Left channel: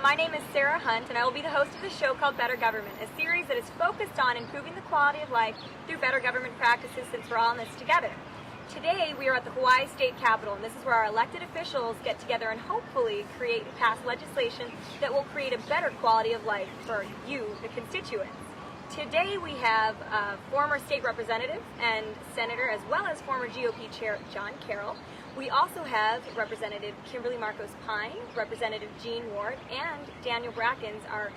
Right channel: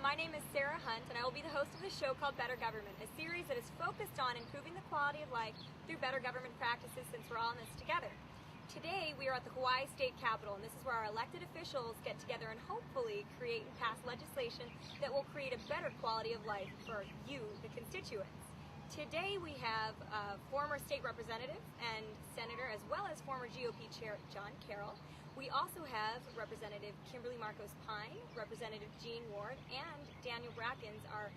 my name is Sarah Hunt, and I will be the host of the show called Better Government, a series that is focused on improving the quality of life through better government practices since we're all in this together. Today, we are at the Hawaii State Capitol, and this is where our elected officials get together and hopefully create and pass legislation that will create a better quality of life for you, the constituents. Today, we have former state representative and senator, as well as former GOP chair John Carroll. We also have Representative Kymberly Pine, Representative Jean Ward, and Daniel Brackins, our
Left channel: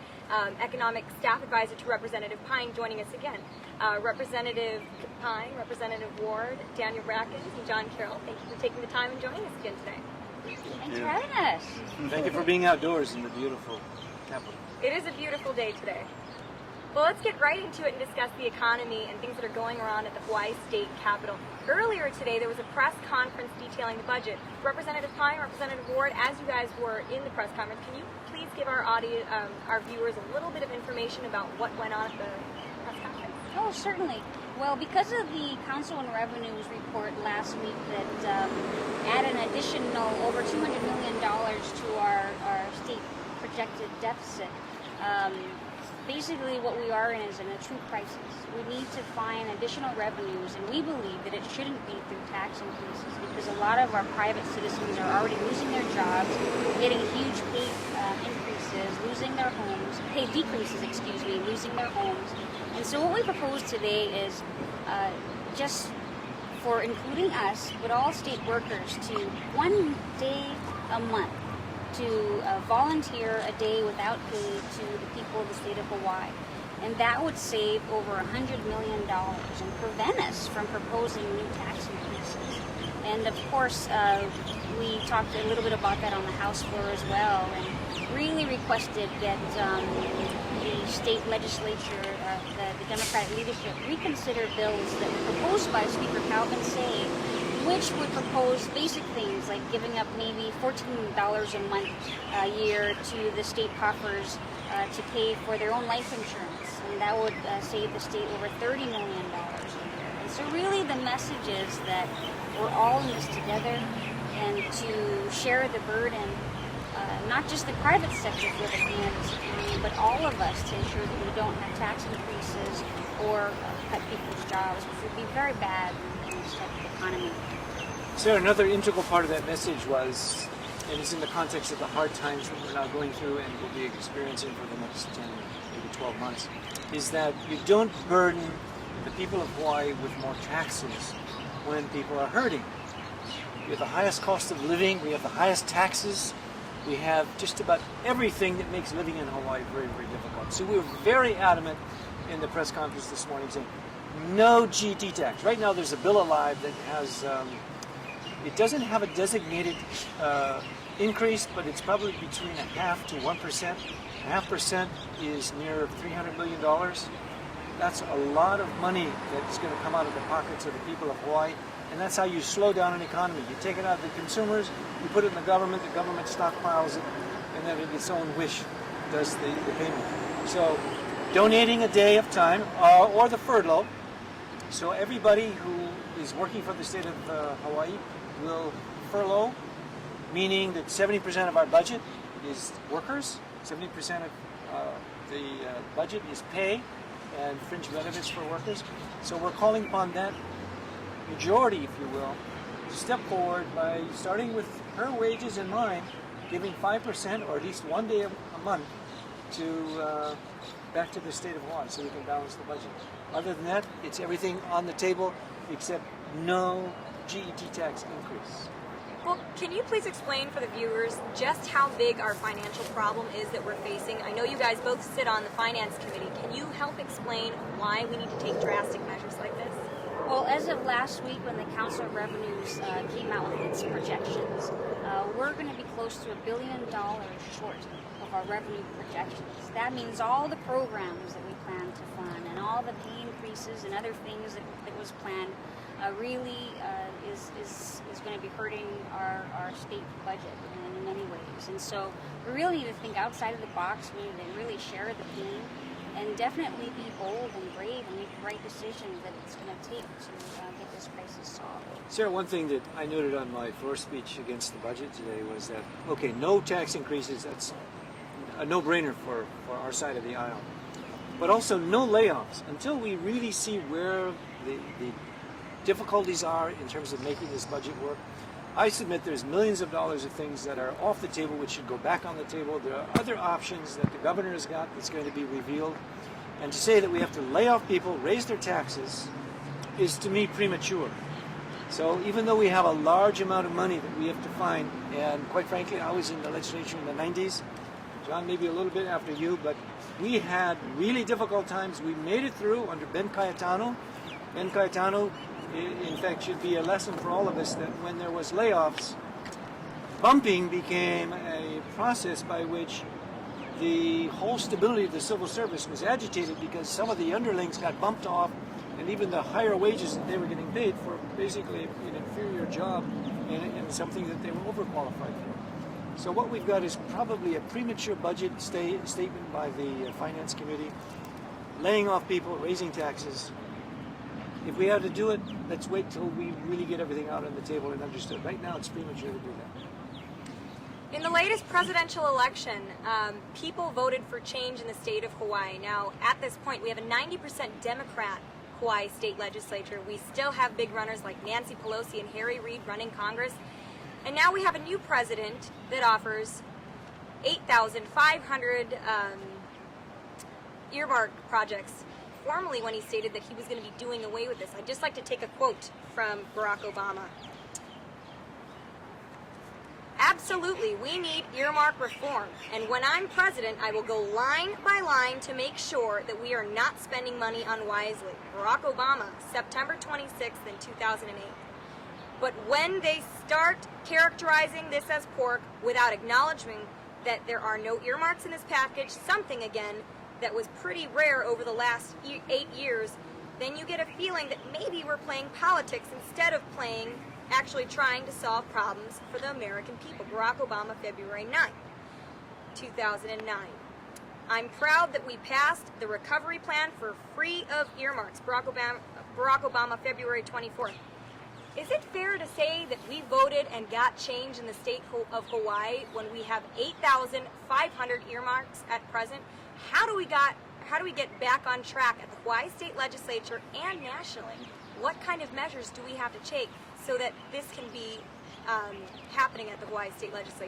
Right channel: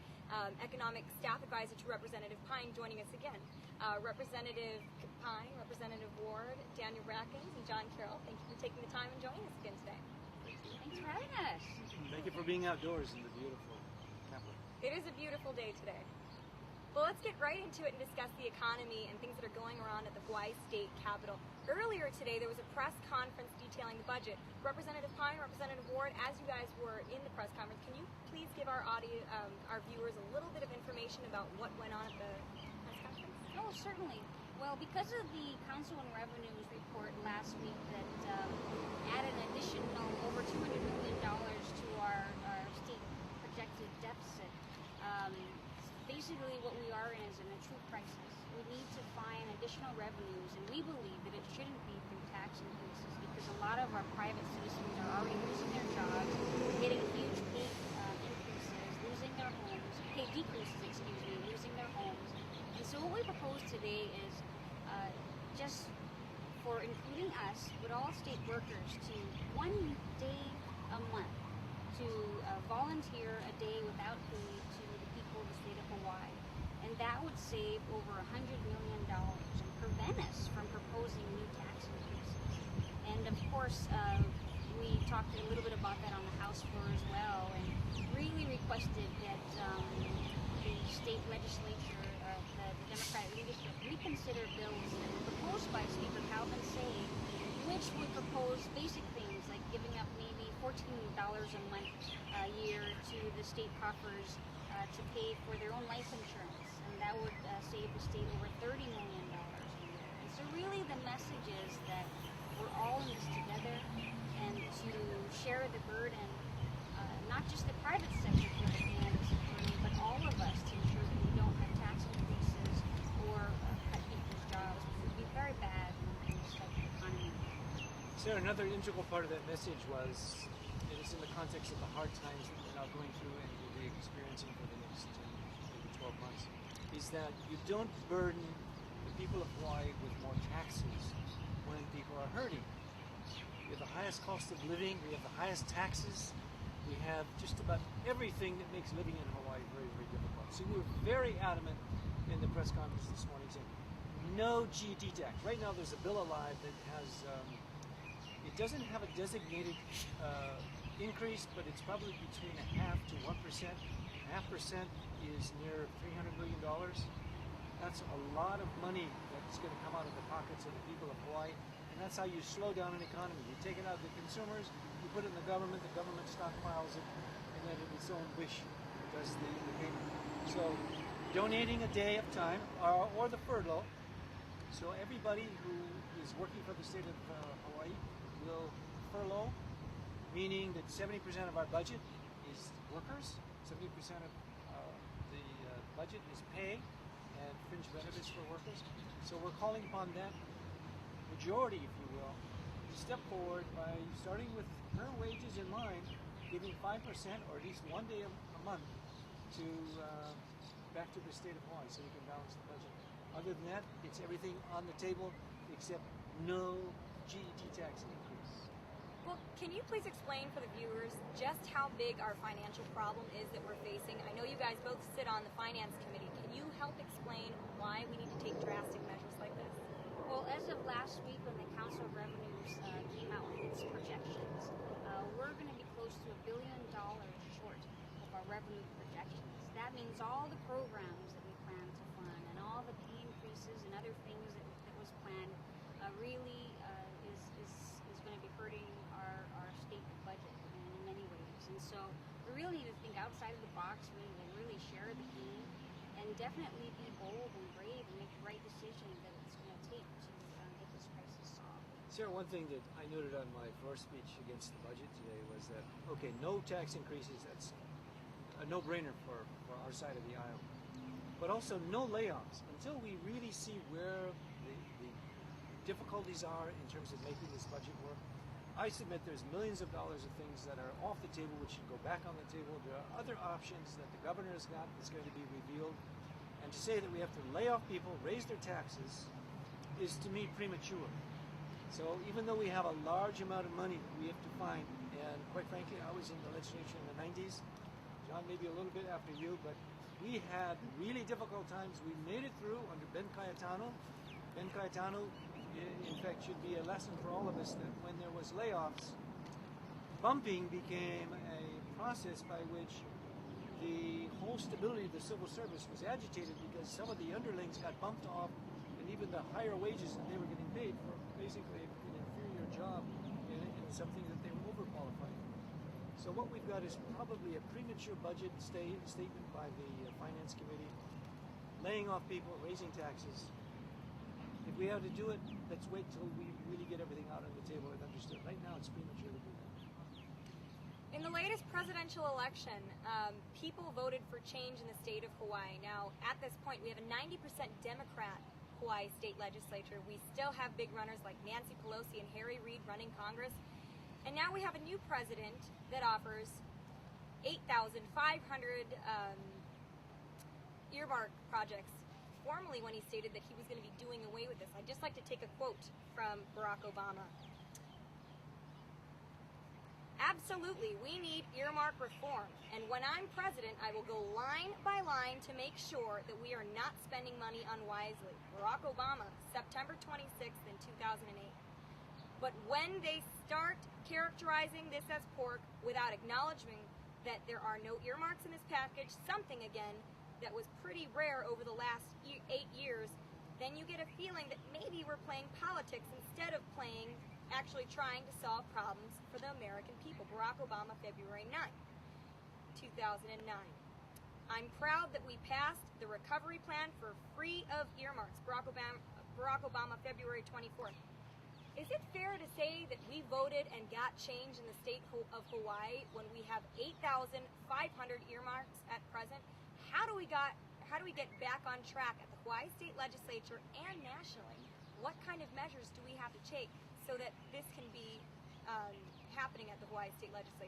economic staff advisor to Representative Pine, joining us again. Representative Pine, Representative Ward, Daniel Brackins, and John Carroll, thank you for taking the time and joining us again today. Thanks for having us. Thank you for being outdoors in the beautiful Capitol. It is a beautiful day today. Well, let's get right into it and discuss the economy and things that are going around at the Hawaii State Capitol. Earlier today, there was a press conference detailing the budget. Representative Pine, Representative Ward, as you guys were in the press conference, can you please give our audience, our viewers, a little bit of information about what went on at the press conference? Oh, certainly. Well, because of the Council on Revenue's report last week that added an additional over $200 million to our state projected deficit, basically what we are in is in a true crisis. We need to find additional revenues, and we believe that it shouldn't be through tax increases because a lot of our private citizens are already losing their jobs, getting huge pay increases, losing their homes, pay decreases, losing their homes. And so what we propose today is just for including us, but all state workers, to one day a month to volunteer a day without pay to the people of the state of Hawaii. And that would save over $100 million and prevent us from proposing new tax increases. And of course, we talked a little bit about that on the House floor as well, and really requested that the state legislature, the Democratic leadership, reconsider bills that were proposed by Speaker Calvin Say, which would propose basic things like giving up maybe $14 a month a year to the state coffers to pay for their own life insurance, and that would save the state over $30 million a year. And so really the message is that we're all in this together, and to share the burden, not just the private sector for the this economy, but all of us to ensure that we don't have tax increases or cut people's jobs, which would be very bad in this type of economy. Sarah, another integral part of that message was, and it's in the context of the hard times that we're now going through and will be experiencing for the next 10, maybe 12 months, is that you don't burden the people of Hawaii with more taxes when people are hurting. We have the highest cost of living, we have the highest taxes, we have just about everything that makes living in Hawaii very, very difficult. So we were very adamant in the press conference this morning saying, no GET tax. Right now there's a bill alive that has, it doesn't have a designated increase, but it's probably between 0.5% to 1%. 0.5% is near $300 million. That's a lot of money that's going to come out of the pockets of the people of Hawaii, and that's how you slow down an economy. You take it out of the consumers, you put it in the government stockpiles it, and then in its own wish does the payment. So donating a day of time, or the furlough, so everybody who is working for the state of Hawaii will furlough, meaning that 70% of our budget is workers, 70% of the budget is pay and fringe benefits for workers. So we're calling upon that majority, if you will, to step forward by starting with her wages in mind, giving 5% or at least one day a month to back to the state of Hawaii so we can balance the budget. Other than that, it's everything on the table except no GET tax increase. Well, can you please explain for the viewers just how big our financial problem is that we're facing? I know you guys both sit on the Finance Committee. Can you help explain why we need to take drastic measures like this? Well, as of last week when the Council of Revenues came out with its projections, we're going to be close to $1 billion short of our revenue projections. That means all the programs that we plan to fund and all the pay increases and other things that was planned really is going to be hurting our state budget in many ways. And so we really need to think outside of the box. We need to really share the pain and definitely be bold and brave and make the right decisions that it's going to take to get this crisis solved. Sarah, one thing that I noted on my floor speech against the budget today was that, okay, no tax increases, that's a no-brainer for our side of the aisle. But also no layoffs until we really see where the difficulties are in terms of making this budget work. I submit there's millions of dollars of things that are off the table which should go back on the table. There are other options that the governor has got that's going to be revealed. And to say that we have to lay off people, raise their taxes, is to me premature. So even though we have a large amount of money that we have to find, and quite frankly, I was in the legislature in the 90s, John maybe a little bit after you, but we had really difficult times. We made it through under Ben Cayetano. Ben Cayetano, in fact, should be a lesson for all of us that when there was layoffs, bumping became a process by which the whole stability of the civil service was agitated because some of the underlings got bumped off, and even the higher wages that they were getting paid for basically an inferior job and something that they were overqualified for. So what we've got is probably a premature budget statement by the Finance Committee, laying off people, raising taxes. If we have to do it, let's wait till we really get everything out on the table and understood. Right now, it's premature to do that. In the latest presidential election, people voted for change in the state of Hawaii. Now, at this point, we have a 90% Democrat Hawaii state legislature. We still have big runners like Nancy Pelosi and Harry Reid running Congress. And now we have a new president that offers 8,500 earmark projects. Formerly, when he stated that he was going to be doing away with this. I'd just like to take a quote from Barack Obama. Absolutely, we need earmark reform. And when I'm president, I will go line by line to make sure that we are not spending money unwisely. Barack Obama, September 26th in 2008. But when they start characterizing this as pork without acknowledging that there are no earmarks in this package, something again that was pretty rare over the last 8 years, then you get a feeling that maybe we're playing politics instead of actually trying to solve problems for the American people. Barack Obama, February 9th, 2009. I'm proud that we passed the recovery plan for free of earmarks. Barack Obama, February 24th. Is it fair to say that we voted and got change in the state of Hawaii when we have 8,500 earmarks at present? How do we get back on track at the Hawaii State Legislature and nationally? What kind of measures do we have to take so that this can be happening at the Hawaii State Legislature?